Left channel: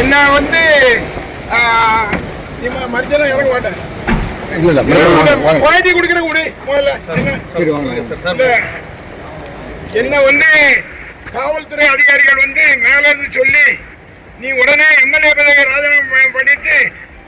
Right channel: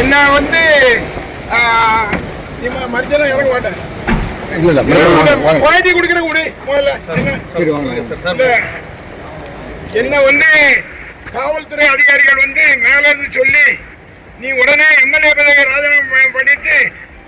என்ன வந்து மரிச்செல்லாம் இறங்க மாட்டேன். குவாலிட்டி கொடுக்குற கூட முதல்ல என்ன வந்து காவல்துறை அதிகாரிகள் வந்து மேல இருந்து சொல்லி நீ உடனே எம்எல்ஏ பதவியை ராஜினாமா பண்ணிட்டு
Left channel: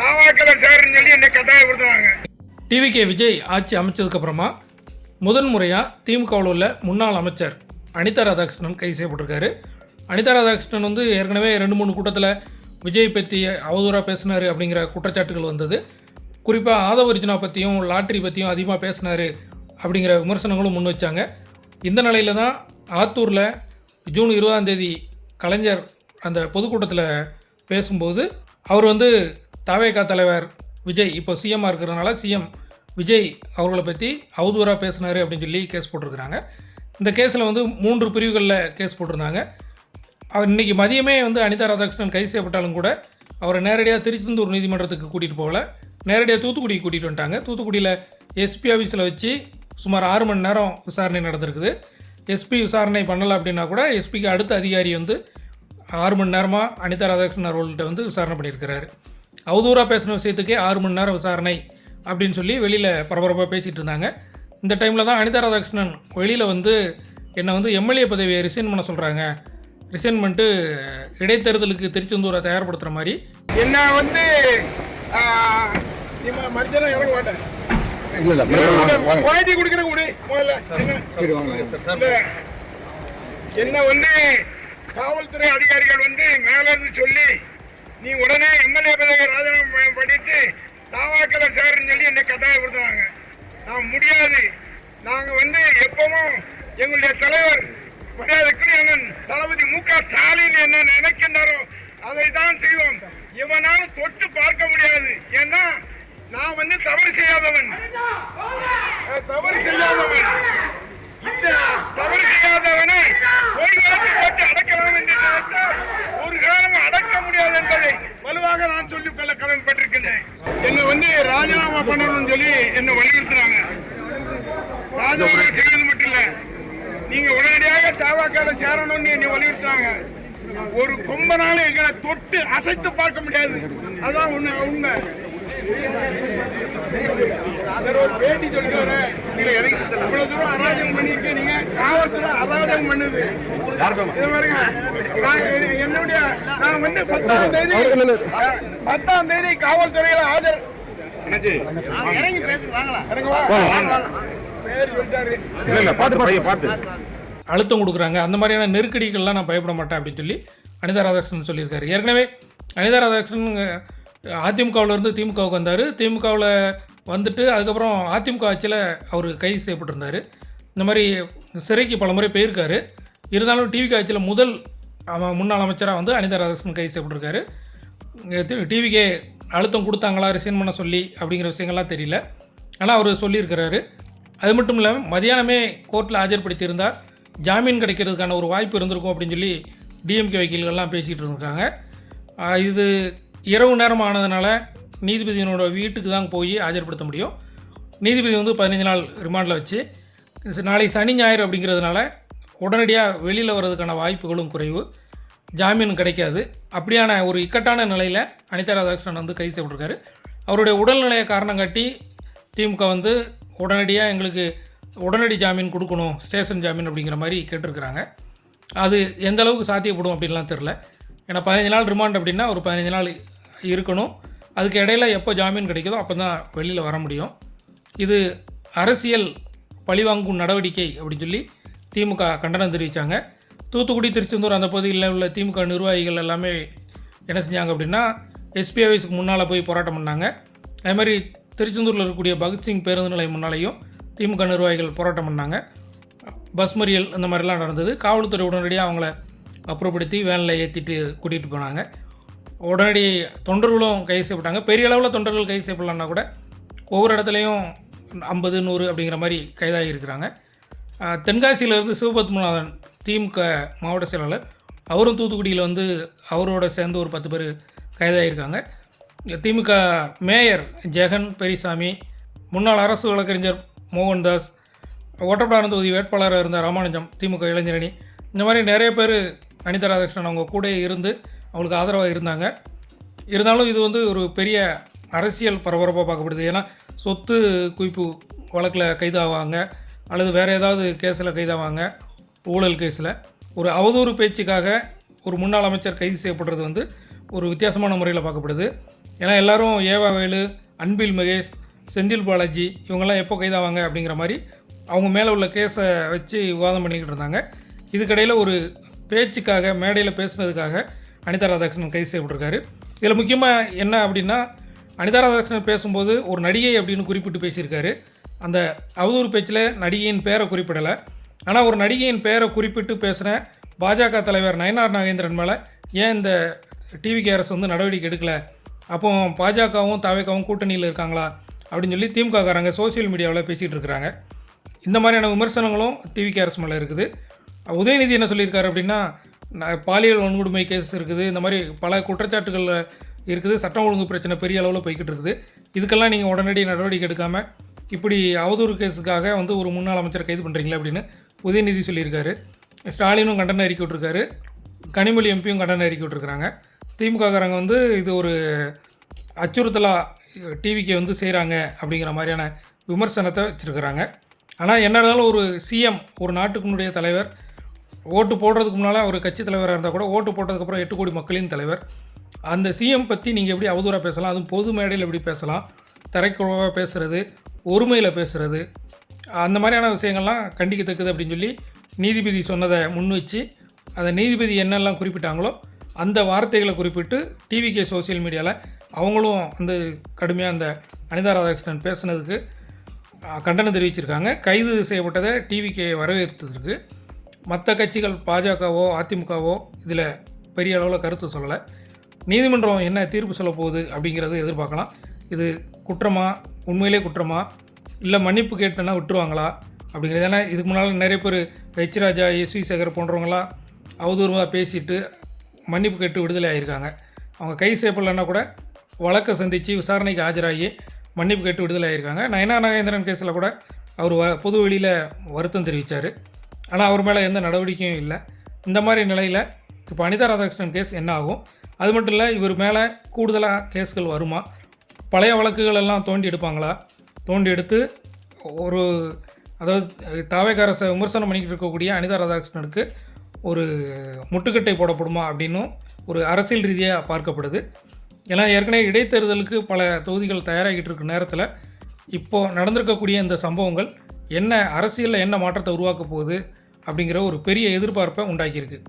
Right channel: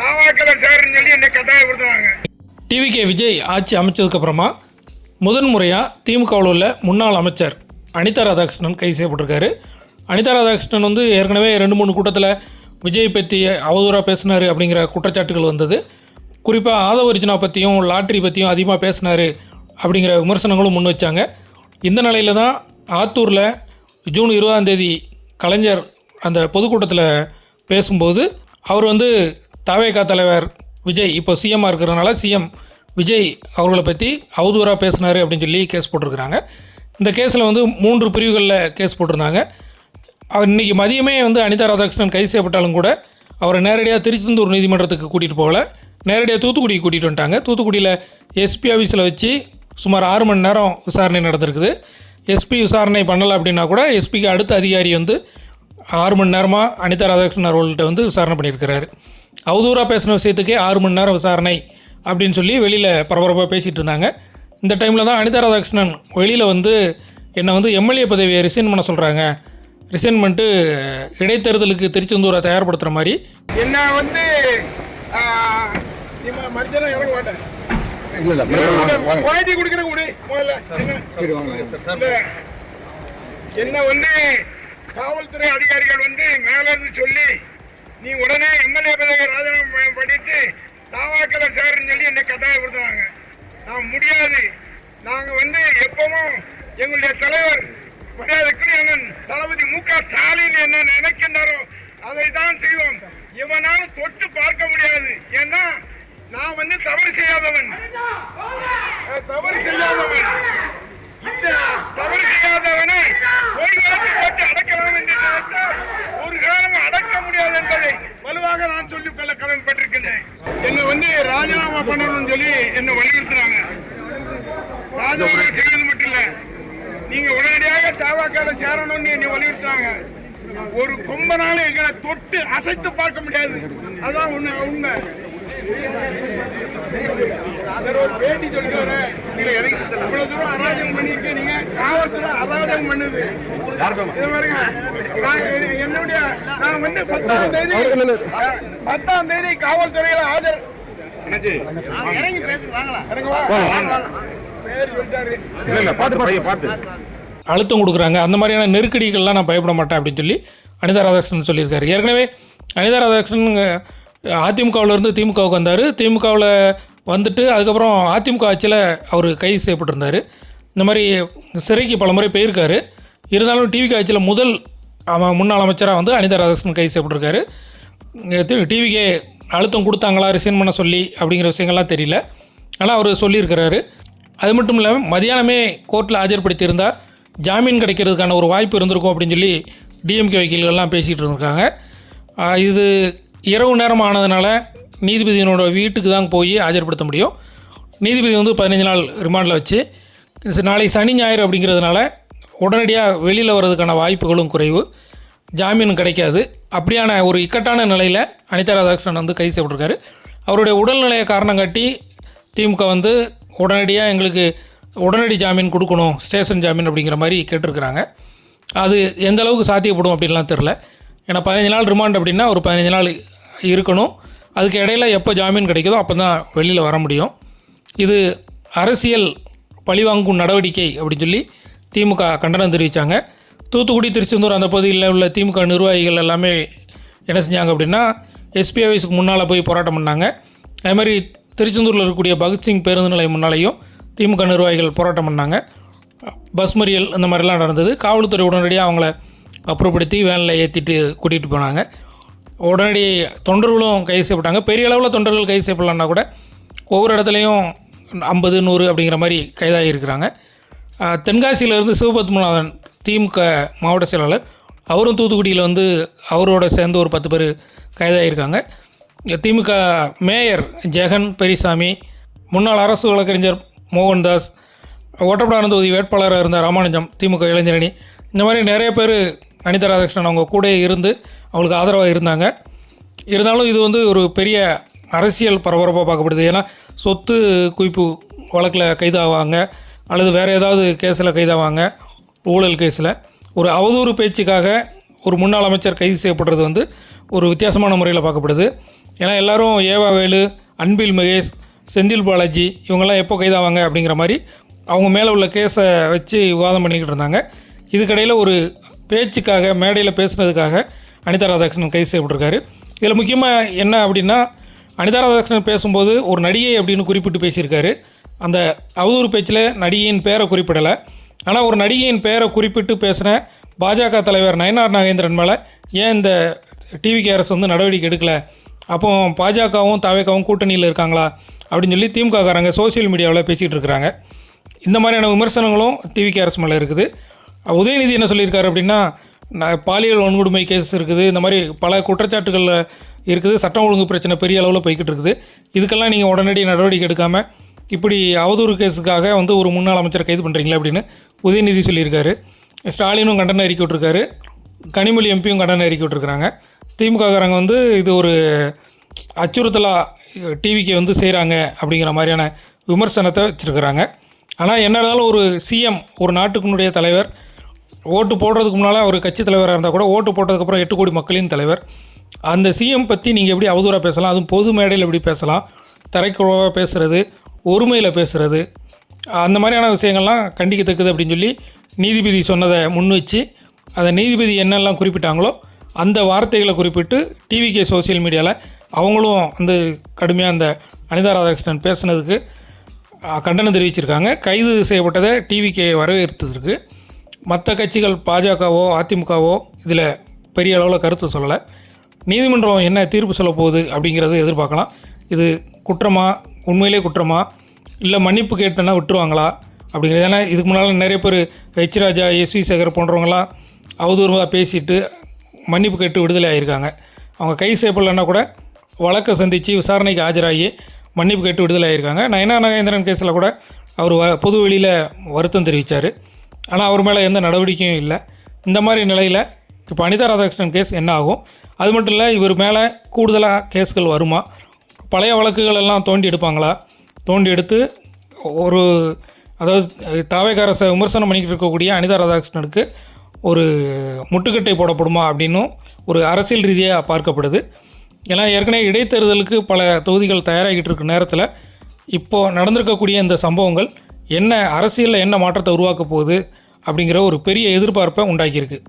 தாவாக்களை சேருன்னு சொல்லி என்னை கட்டாயப்படுத்துவாங்க. டிவிகே விஜய் ஆட்சி அமைச்சதுக்கப்புறமா முதன்முறையாக திமுகவில் உள்ள முன்னாள் அமைச்சர் அனிதா ராதாகிருஷ்ணன் கைது செய்யப்பட்டிருக்காரு. அனிதா ராதாகிருஷ்ணன் வந்து ஏற்கனவே 2-3 கூட்டத்தில் விஜய் பற்றி அவதூறாக பேசினார் அப்படிங்கிற குற்றச்சாட்டுகள் வந்தது. குறிப்பாக ஆதவர்ஜுனா பற்றியும் லாட்ரி பற்றியும் அதிகமாக பேசினார் அப்படிங்கிற விமர்சனங்களும் முன் வச்சாங்க. இந்த நிலையில் தான் ஆத்தூரில் ஜூன் 20ஆம் கலைஞர் அந்த பொதுக்கூட்டத்தில் பேசும்போது அவர் வந்து தவேகா தலைவர் விஜய் இப்போ சிஎம்மாக இருக்கிறதுனால சிஎம் விஜய் அவர்களை பற்றி அவதூறாக பேசினார் அப்படின்னு சொல்லி கேஸ் போட்டிருக்கிறாங்க. இந்த கேஸில் வந்து 3 பிரிவுகளில் கேஸ் போட்டிருந்தாங்க. அவர் இன்றைக்கி மதியமே வந்து அனிதா ராதாகிருஷ்ணன் கைது செய்யப்பட்டாலும் கூட அவரை நேரடியாக திருச்செந்தூர் நீதிமன்றத்துக்கு கூட்டிகிட்டு போகல, நேரடியாக தூத்துக்குடிக்கு கூட்டிகிட்டு வந்துட்டாங்க. தூத்துக்குடியில் எஸ்பி ஆஃபீஸில் வச்சு சுமார் 6 மணி நேரம் விசாரணை நடந்திருக்குது. எஸ்பி விசாரணை பண்ணலை அப்படின்னா கூட எஸ்பிக்கு அடுத்த அதிகாரி வந்து 6 மணி நேரமாக அனிதா ராதாகிருஷ்ணன் அவர்கள்ட்ட வந்து விசாரணை பண்ணியிருக்கிறாரு. அவதூறாக பேசின விஷயத்துக்கே 6 மணி நேரம் விசாரணை அப்படின்னு சொல்லி வெளியில் பரபரப்பாக பேசிகிட்டு இருந்தாங்க. இந்த டைமில் தான் அனிதா ராதாகிருஷ்ணன் வெளியில் வந்து என்னை வந்து எம்எல்ஏ பதவியை ரிசைன் பண்ண சொல்கிறாங்க, ரிசைன் பண்ணிட்டு இடைத்தேர்தலுக்கு திருச்செந்தூரை தயார்படுத்துகிற மாதிரி என்ன வந்து மரிச்செல்லாம் இறங்க மாட்டேன். குவாலிட்டி கொடுக்குற கூட முதல்ல என்ன வந்து காவல்துறை அதிகாரிகள் வந்து மேல இருந்து சொல்லி நீ உடனே எம்எல்ஏ பதவியை ராஜினாமா பண்ணிட்டு தாவாக்களை சேருன்னு சொல்லி என்னை கட்டாயப்படுத்துவாங்க. நான் முடியாது. நாங்கள் வந்து எப்பவும் எங்களுடைய தலைவர் மரியாதைக்குரிய தளபதி மு.க. ஸ்டாலின் என்ன நினைக்கின்றாரோ அதை தான் செய்வோம். எவனாலும் தொட்டு பார்க்க முடியாது. ஏன்னா நான் வந்து தவறு செய்யாதவன். இந்த தவறு செய்யாதவனை போட்டு அடக்கலாம் என்று நினைத்தால் ஒரு காலம் அடக்க முடியாது என்பதை வலுவாக நான் சொல்லிக் கொள்ள கடன்பட்டிருக்கின்றேன். என்னை வந்து ராஜினாமா பண்ணணும்னு சொல்லி என்னை வலியுறுத்துறாங்க. ராஜினாமா செய்வது மட்டும் இல்ல, நீங்க உடனடியாக தாவாக்கால சேரணும்னு என்னை வலியுறுத்துறாங்க. ஒரு கொம்பனால எங்களை தொட்டு அசைத்து பார்க்க முடியாது. அதான் உண்மை. ஒரு பேட்டி சொல்லிட்டு வரேன். இவ்வளவு தூரம் அராஜகம் பண்ணிருக்கு. நீங்க காவல்துறை அராஜகம் பண்ணுது. இது பாருங்க, என்னுடைய நான் வந்து 10ஆம் தேதி காவல்துறையில ஆஜர் அழுத்தம் கொடுக்குறாங்க. அந்த மாதிரியான நெருக்கடிகள்லாம் நான் பயப்பட மாட்டேன் அப்படின்னு சொல்லி அனிதா ராதாகிருஷ்ணன் சொல்லியிருக்காரு. ஏற்கனவே அனிதா ராதாகிருஷ்ணன் அதிமுகவிலேருந்து திமுகவுக்கு வந்தார். திமுகவில் வந்துட்டு அதுக்கப்புறம் அதிமுக ஆட்சியில் அவர் கைது செய்யப்பட்டிருந்தார். இந்த மாதிரி சிறைக்கு பல முறை போயிருக்காரு. இருந்தாலும் டிவிகே ஆட்சியில் முன்னாள் அமைச்சராக வந்து அனிதா ராதாகிருஷ்ணன் கைது செய்யப்பட்டிருக்காரு. டிவிகே அழுத்தம் கொடுத்தாங்களா ரிசைன் பண்ண சொல்லி அப்படிங்கிற விஷயங்கள்லாம் தெரியல. ஆனால் அவர் சொல்லியிருக்கிறாரு. அது மட்டும் இல்லாமல் மதியானமே கோர்ட்டில் ஆஜர்படுத்தியிருந்தால் ஜாமீன் கிடைக்கிறதுக்கான ஒரு வாய்ப்பு இருந்திருக்கும் அப்படின்னு சொல்லி டிஎம்கே வக்கீல்கள்லாம் பேசிகிட்டு இருந்திருக்காங்க. இது இரவு நேரம் ஆனதுனால நீதிபதியினோட வீட்டுக்கு தான் போய் ஆஜர்படுத்த முடியும். நீதிபதி வந்து 15 நாள் ரிமாண்டில் வச்சு நாளை சனி ஞாயிறு அப்படிங்கிறதுனால உடனடியாக வெளியில் வர்றதுக்கான வாய்ப்புகளும் குறைவு, ஜாமீன் கிடைக்காது. அப்படியான ஒரு இக்கட்டான நிலையில் அனிதா ராதாகிருஷ்ணன் வந்து கைது செய்யப்பட்டிருக்காரு. அவருடைய உடல்நிலையை காரணம் காட்டி திமுக வந்து உடனடியாக எங்களுக்கு உடனடி ஜாமீன் கொடுக்கணும், ஸ்டேஷன் ஜாமீன் அப்படிங்கிற மாதிரி கேட்டிருக்கிறாங்க. அது எந்த அளவுக்கு சாத்தியப்படும் அப்படின்லாம் தெரில. ஏன்னா 15 நாள் ரிமாண்ட் அப்படின்னா ஒரு 15 நாள் இருக்கணும். அதுக்கு இடையில் எப்போ ஜாமீன் கிடைக்குதோ அப்போ தான் வெளியில் வர முடியும். இது அரசியல் பழிவாங்கும் நடவடிக்கை அப்படின்னு சொல்லி திமுக கண்டனம் தெரிவித்தாங்க. தூத்துக்குடி, திருச்செந்தூர் அந்த பகுதியில் உள்ள திமுக நிர்வாகிகள் எல்லாமே என்ன செஞ்சாங்க அப்படின்னா எஸ்பி ஆஃபீஸுக்கு முன்னால் போய் போராட்டம் பண்ணாங்க. அதே மாதிரி திருச்செந்தூரில் இருக்கக்கூடிய பகத்சிங் பேருந்து நிலையம் முன்னாலேயும் திமுக நிர்வாகிகள் போராட்டம் பண்ணாங்க. பஸ் மறியல் இந்த மாதிரிலாம் நடந்தது. காவல்துறை உடனடியாக அவங்கள அப்புறப்படுத்தி வேனில் ஏற்றிட்டு கூட்டிகிட்டு போனாங்க. உடனடி தொண்டர்களும் கைது செய்யப்பட்டாங்க. பெரிய அளவில் தொண்டர்கள் கைது செய்யப்படலான்னா கூட ஒவ்வொரு இடத்துலையும் 50, 100 அப்படிங்கிற மாதிரி கைதாகி இருக்கிறாங்க. தென்காசியிலேருந்து சிவபத்மநாதன் திமுக மாவட்ட செயலாளர், அவரும் தூத்துக்குடியில் வந்து அவரோட சேர்ந்து ஒரு 10 பேர் கைதாகியிருக்காங்க. திமுக மேயர் ஜெகன் பெரியசாமி, முன்னாள் அரசு வழக்கறிஞர் மோகன்தாஸ், ஒட்டப்படாரம் தொகுதி வேட்பாளராக இருந்த ராமானுஜம், திமுக இளைஞரணி, இந்த மாதிரி நிறைய பேர் அனிதா ராதாகிருஷ்ணன் அவங்க கூட இருந்து அவங்களுக்கு ஆதரவாக இருந்தாங்க. இருந்தாலும் இது வந்து ஒரு பெரிய அரசியல் பரபரப்பாக பார்க்கப்படுது. ஏன்னா சொத்து குவிப்பு வழக்கில் கைதாவாங்க, அல்லது வேறு ஏதாவது கேஸில் கைதாவாங்க, ஊழல் கேஸில். ஒரு அவதூறு பேச்சுக்காக ஒரு முன்னாள் அமைச்சர் கைது செய்யப்படுறது வந்து ஒரு வித்தியாசமான முறையில் பார்க்கப்படுது. ஏன்னா எல்லோரும் ஏவா வேலு, அன்பில் மகேஷ், செந்தில் பாலாஜி இவங்கெல்லாம் எப்போ கைதாவாங்க அப்படிங்கிற மாதிரி அவங்க மேலே உள்ள கேஸை வச்சு விவாதம் பண்ணிக்கிட்டு இருந்தாங்க. இதுக்கடையில் ஒரு பேச்சுக்காக, மேடையில் பேசுனதுக்காக அனிதா ராதாகிருஷ்ணன் கைது செய்யப்பட்டிருக்காரு. இதில் முக்கியமாக என்ன அப்படின்னா, அனிதா ராதாகிருஷ்ணன் பேசும்போது ஒரு நடிகை அப்படின்னு குறிப்பிட்டு பேசியிருக்காரு. அந்த அவதூறு பேச்சில் நடிகையின் பேரை குறிப்பிடலை. ஆனால் ஒரு நடிகையின் பேரை குறிப்பிட்டு பேசுகிற பாஜக தலைவர் நயனார் நாகேந்திரன் மேலே ஏன் இந்த டிவிகே அரசு வந்து நடவடிக்கை எடுக்கலை, அப்போ பாஜகவும் தாவேக்காவும் கூட்டணியில் இருக்காங்களா அப்படின்னு சொல்லி திமுககாரங்க சோசியல் மீடியாவில் பேசிகிட்டு இருக்கிறாங்க. இந்த மாதிரியான விமர்சனங்களும் டிவிகே அரசு மேலே இருக்குது. உதயநிதி என்ன சொல்லியிருக்காரு அப்படின்னா, பாலியல் வன்கொடுமை கேஸ் இருக்குது, இந்த மாதிரி பல குற்றச்சாட்டுகள் இருக்குது, சட்டம் ஒழுங்கு பிரச்சனை பெரிய அளவில் போய்கிட்டு இருக்குது, இதுக்கெல்லாம் நீங்கள் உடனடி நடவடிக்கை எடுக்காமல் இப்படி அவதூறு கேஸுக்காக வந்து ஒரு முன்னாள் அமைச்சரை கைது பண்ணுறீங்களே அப்படின்னு உதயநிதி சொல்லியிருக்காரு. ஸ்டாலினும் கண்டன அறிக்கை விட்டுருக்காரு, கனிமொழி எம்பியும் கண்டன அறிக்கை விட்டுருக்குறாங்க. திமுககாரங்க வந்து இது ஒரு அச்சுறுத்தலாக டிவிக்கு வந்து செய்கிறாங்க அப்படிங்கிற மாதிரியான விமர்சனத்தை வச்சுருக்கிறாங்க. ஆனால் என்ன இருந்தாலும் ஒரு சிஎம், ஒரு நாட்டுக்குனுடைய தலைவர், ஓட்டு போடுறதுக்கு முன்னால் ஒரு கட்சி தலைவராக இருந்தால் கூட ஓட்டு போட்டதுக்கப்புறம் 8 கோடி மக்களின் தலைவர், அந்த சிஎம் பற்றி நீங்கள் எப்படி அவதூறாக பேசலாம், அதுவும் பொது மேடையில் எப்படி பேசலாம், தரைக்குறவாக பேசுகிறது, ஒருமையில் பேசுகிறது, அந்த மாதிரியான விஷயங்கள்லாம் கண்டிக்கத்தக்கது அப்படின்னு சொல்லி நீதிபதி சொன்னதை முன் வச்சு அதை நீதிபதி என்னெல்லாம் குறிப்பிட்டாங்களோ அந்த வார்த்தைகளை குறிப்பிட்டு டிவிகே சோசியல் மீடியாவில் அவங்களும் வந்து கடுமையாக அந்த அனிதா ராதாகிருஷ்ணன் பேசுனதுக்கு கண்டனம் தெரிவிச்சிருக்காங்க. கைது செய்யப்பட்டதை டிவிகே வரவேற்றிருக்கு. மற்ற கட்சிகள் பாஜகவோ அதிமுகவோ இதில் பெரிய அளவில் கருத்து சொல்லலை. நீதிமன்றம் என்ன தீர்ப்பு சொல்ல போகுது அப்படிங்கிறது எதிர்பார்க்கலாம். இது குற்றமா, உண்மையிலே குற்றமா, இல்லை மன்னிப்பு கேட்டனா விட்டுருவாங்களா அப்படிங்கிறது. ஏன்னா இதுக்கு முன்னால் நிறைய பேர் ஹெச் ராஜா, எஸ்வி சேகர் போன்றவங்களாம் அவதூறுமாக பேசிட்டு மன்னிப்பு கேட்டு விடுதலை ஆகியிருக்காங்க. அவங்க கைது செய்யப்படலைன்னா கூட வழக்கை சந்தித்து விசாரணைக்கு ஆஜராகி மன்னிப்பு கேட்டு விடுதலை ஆகியிருக்காங்க. நயனார் நாகேந்திரன் கேஸில் கூட அவர் பொது வெளியில் வருத்தம் தெரிவித்தார். ஆனால் அவர் மேலே எந்த நடவடிக்கையும் இல்லை. இந்த மாதிரி நிலையில் இப்போ அனிதா ராதாகிருஷ்ணன் கேஸ் என்ன ஆகும்? அது மட்டும் இல்லை, இவர் மேலே கூடுதலாக கேஸ்கள் வருமா? பழைய வழக்குகள் எல்லாம் தோண்டி எடுப்பாங்களா? தோண்டி எடுத்து ஒரு, அதாவது தாவேக அரசை விமர்சனம் பண்ணிக்கிட்டு இருக்கக்கூடிய அனிதா ராதாகிருஷ்ணனுக்கு ஒரு முட்டுக்கட்டை போடப்படுமா அப்படின்னும் ஒரு அரசியல் ரீதியாக பார்க்கப்படுது. ஏன்னா ஏற்கனவே இடைத்தேர்தலுக்கு பல தொகுதிகள் தயாராகிட்டு இருக்க நேரத்தில் இப்போது நடந்திருக்கக்கூடிய இந்த சம்பவங்கள் என்ன அரசியலில் என்ன மாற்றத்தை உருவாக்க போகுது அப்படிங்கிற ஒரு பெரிய எதிர்பார்ப்பை உண்டாக்கியிருக்கு.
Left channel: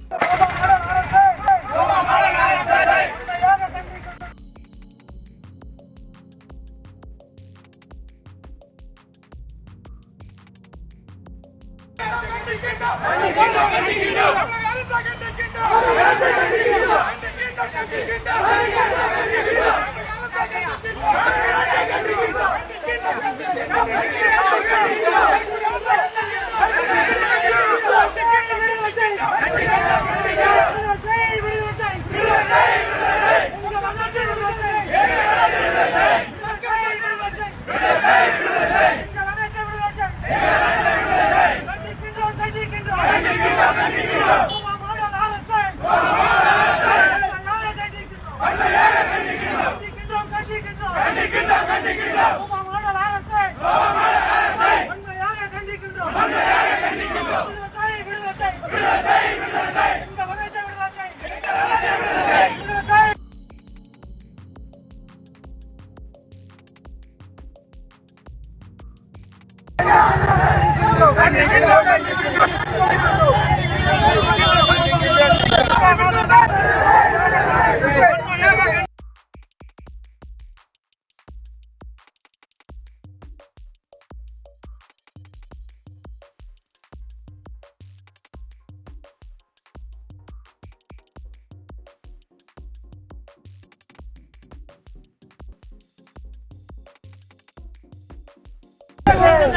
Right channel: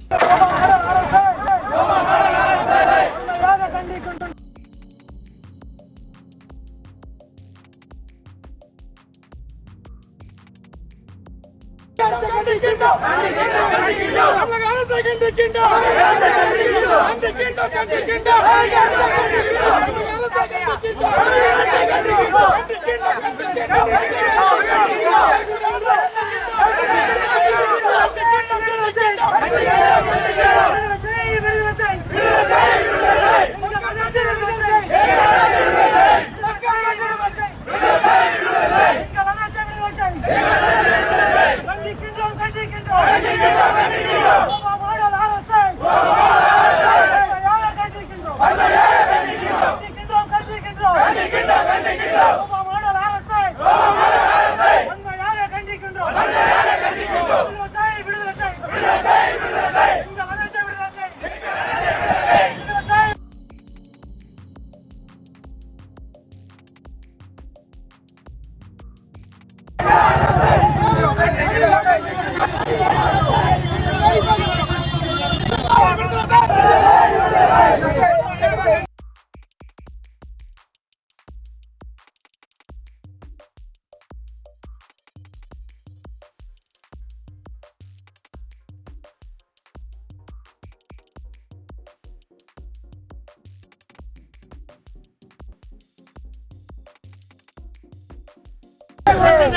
Hey!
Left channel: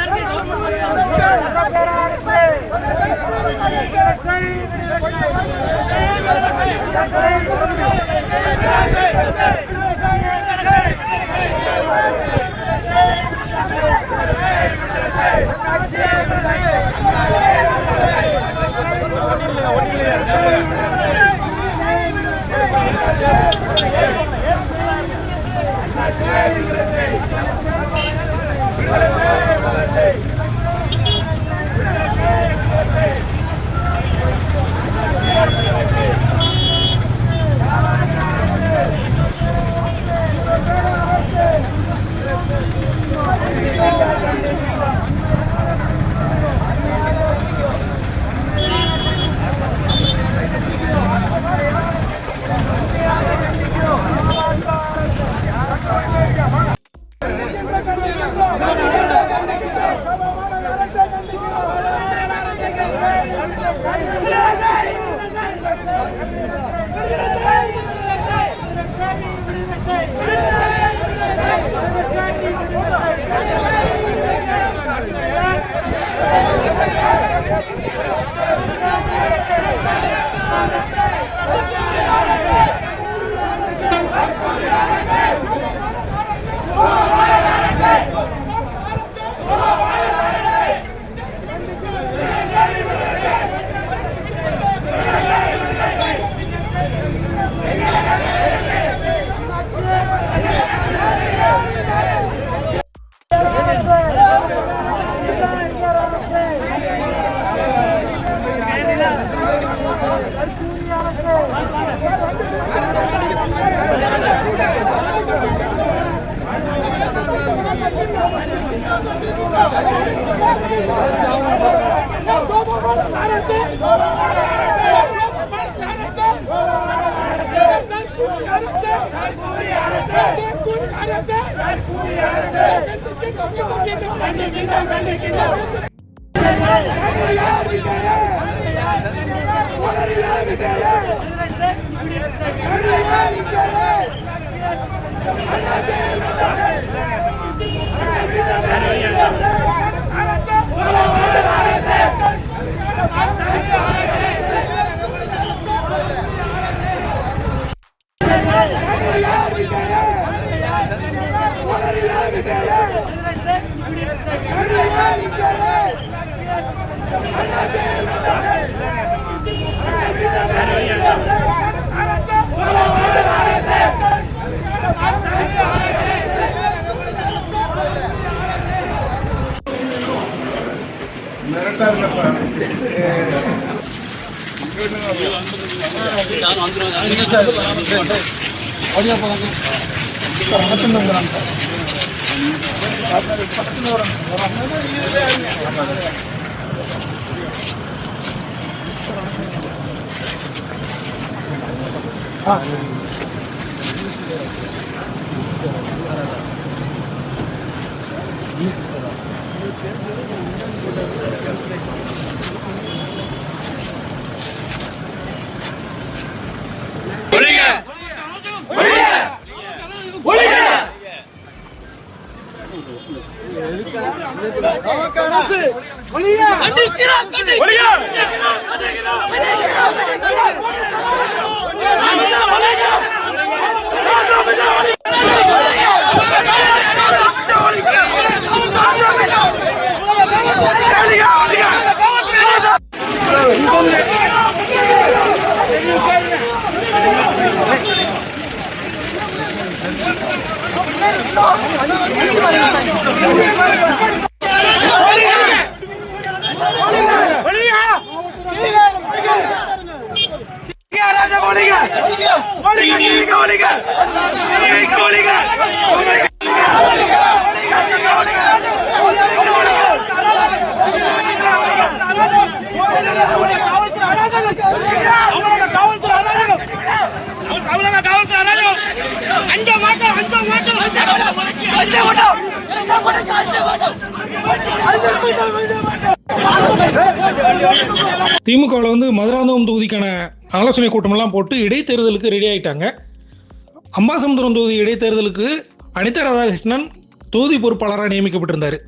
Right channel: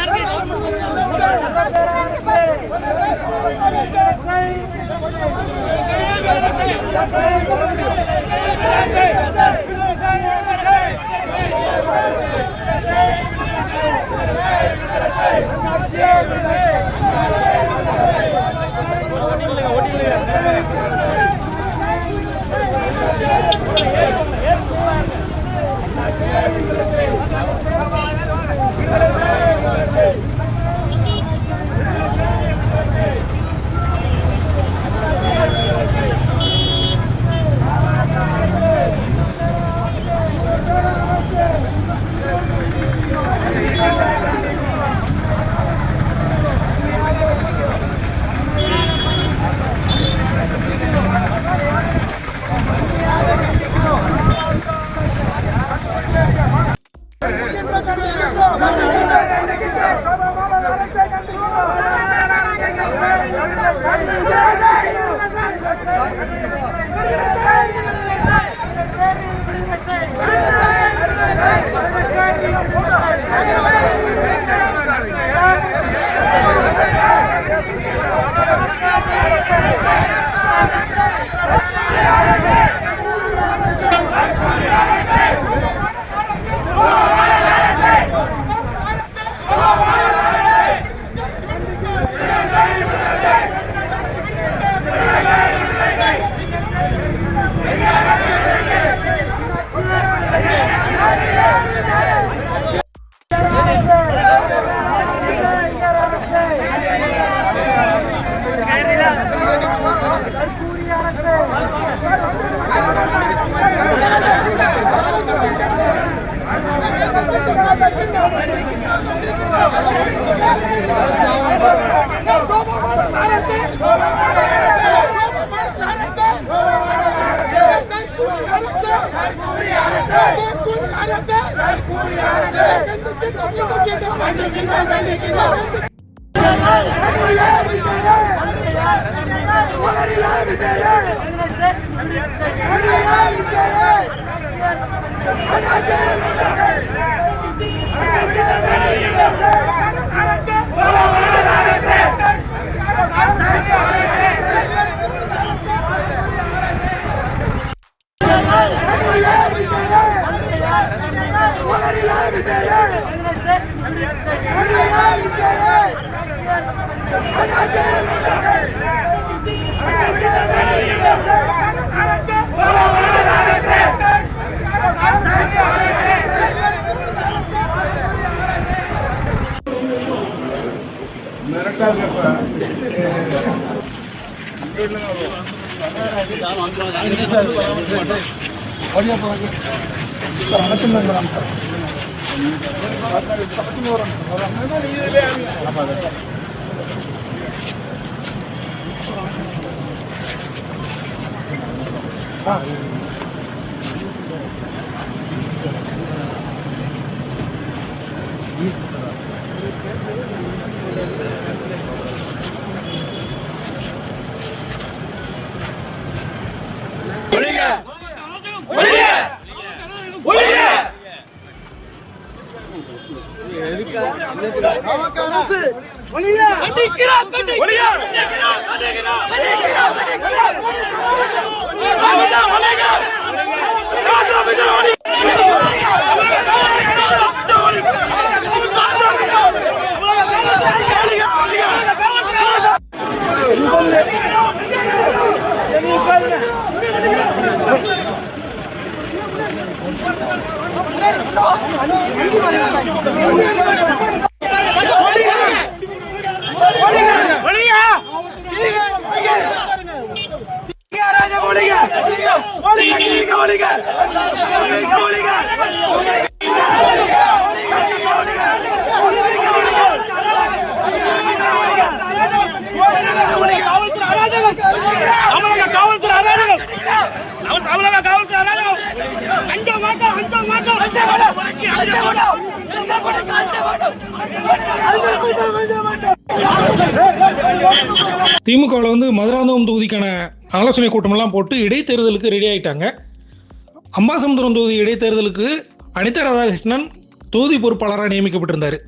திமுகவில் வந்து மதுராந்தகம் தொகுதிக்கான ஆலோசனை கூட்டமெல்லாம் போட்டு இடைத்தேர்தலுக்கு ரெடி ஆகிட்டாங்க. அம்பாசமுத்திரம் தொகுதி இடைத்தேர்தலுக்கு அனிதா ராதாகிருஷ்ணன் தொகுதி பொறுப்பாளராக நியமிக்கப்பட்டிருந்தார்.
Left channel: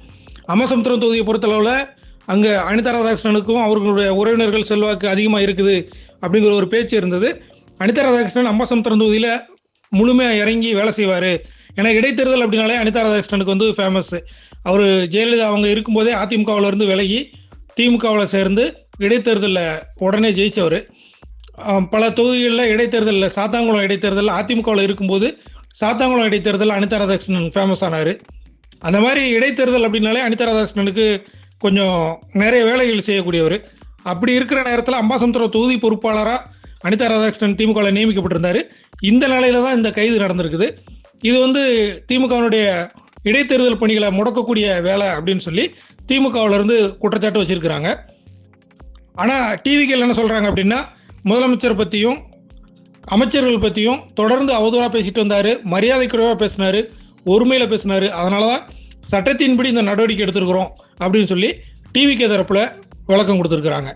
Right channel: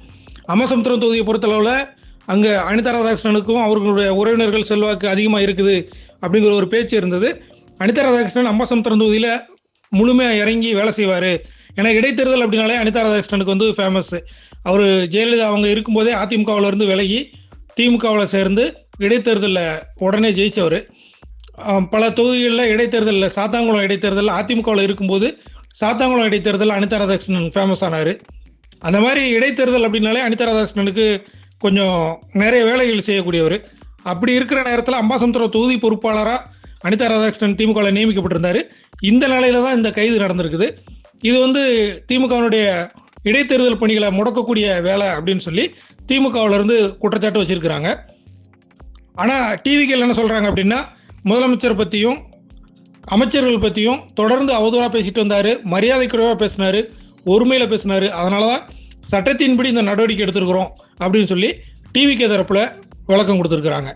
அம்பாசமுத்திரம் தொகுதியை பொறுத்தளவில் அங்கே அனிதா ராதாகிருஷ்ணனுக்கும் அவர்களுடைய உறவினர்கள் செல்வாக்கு அதிகமாக இருக்குது அப்படிங்கிற ஒரு பேச்சு இருந்தது. அனிதா ராதாகிருஷ்ணன் அம்பாசமுத்திரம் தொகுதியில் முழுமையாக இறங்கி வேலை செய்வார். ஏன்னா இடைத்தேர்தல் அப்படின்னாலே அனிதா ராதாகிருஷ்ணனுக்கு வந்து ஃபேமஸ். அவர் ஜெயலலிதா அவங்க இருக்கும்போதே அதிமுகவிலேருந்து விலகி திமுகவில் சேர்ந்து இடைத்தேர்தலில் உடனே ஜெயித்தவர். பல தொகுதிகளில் இடைத்தேர்தலில் சாத்தாங்குளம் இடைத்தேர்தலில் அதிமுகவில் இருக்கும்போது சாத்தாங்குளம் இடைத்தேர்தலில் அனிதா ராதாகிருஷ்ணன் ஃபேமஸ் ஆனார். அந்த மாதிரி இடைத்தேர்தல் அப்படின்னாலே அனிதா ராதாகிருஷ்ணனுக்கு கொஞ்சம் நிறைய வேலைகள் செய்யக்கூடியவர். அப்படி இருக்கிற நேரத்தில் அம்பாசமுத்திரம் தொகுதி பொறுப்பாளராக அனிதா ராதாகிருஷ்ணன் திமுகவில் நியமிக்கப்பட்டிருந்தார். இந்த நிலையில தான் இந்த கைது நடந்திருக்குது. இது வந்து திமுகவினுடைய இடைத்தேர்தல் பணிகளை முடக்கக்கூடிய வேலை அப்படின்னு சொல்லி திமுகவிலிருந்து குற்றச்சாட்டு வச்சிருக்கிறாங்க. ஆனால் டிவிகள் என்ன சொல்கிறாங்க அப்படின்னா, முதலமைச்சர் பற்றியும் அமைச்சர்கள் பற்றியும் தொடர்ந்து அவதூறாக பேசிட்டு வந்தார், மரியாதை குறைவாக பேசினார், ஒருமையில் பேசினார். அதனால தான் சட்டத்தின்படி இந்த நடவடிக்கை எடுத்திருக்கிறோம் அப்படின்னு சொல்லி டிவிக்கு தரப்பில் விளக்கம் கொடுத்துருக்குறாங்க.